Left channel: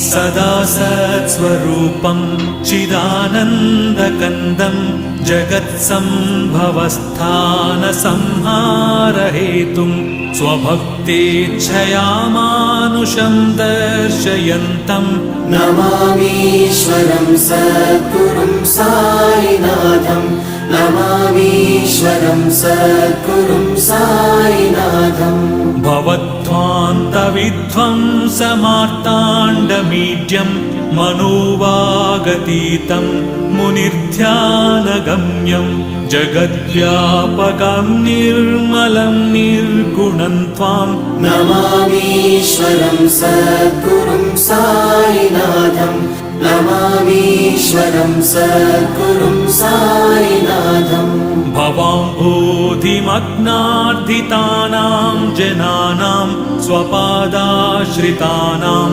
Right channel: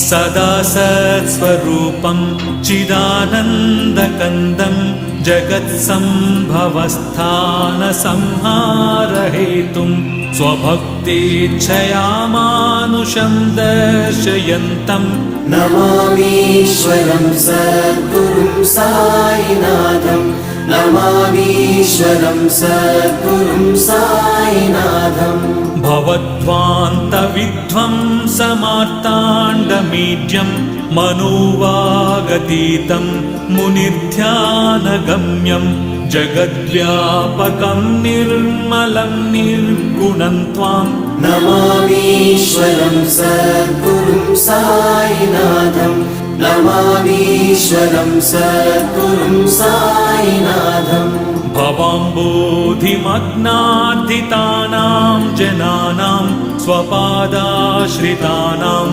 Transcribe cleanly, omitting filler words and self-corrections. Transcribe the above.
सदा सत्स्वरूपं चिदानन्दकन्दं जगत्सम्भवस्थानसंहारहेतुं स्वभक्तेच्छया मानुषं दर्शयन्तं नमामीश्वरं सद्गुरुं साईनाथं नमामीश्वरं सद्गुरुं साईनाथम् भवद्ध्वान्तविध्वंसमार्ताण्डमीड्यं मनोवागतीतं मुनिर्ध्यानगम्यं जगद्व्यापकं निर्मलं निर्गुणं त्वां नमामीश्वरं सद्गुरुं साईनाथं नमामीश्वरं सद्गुरुं साईनाथम् भवाम्बोधिमग्नार्दितानां जनानां स्वपादाश्रितानां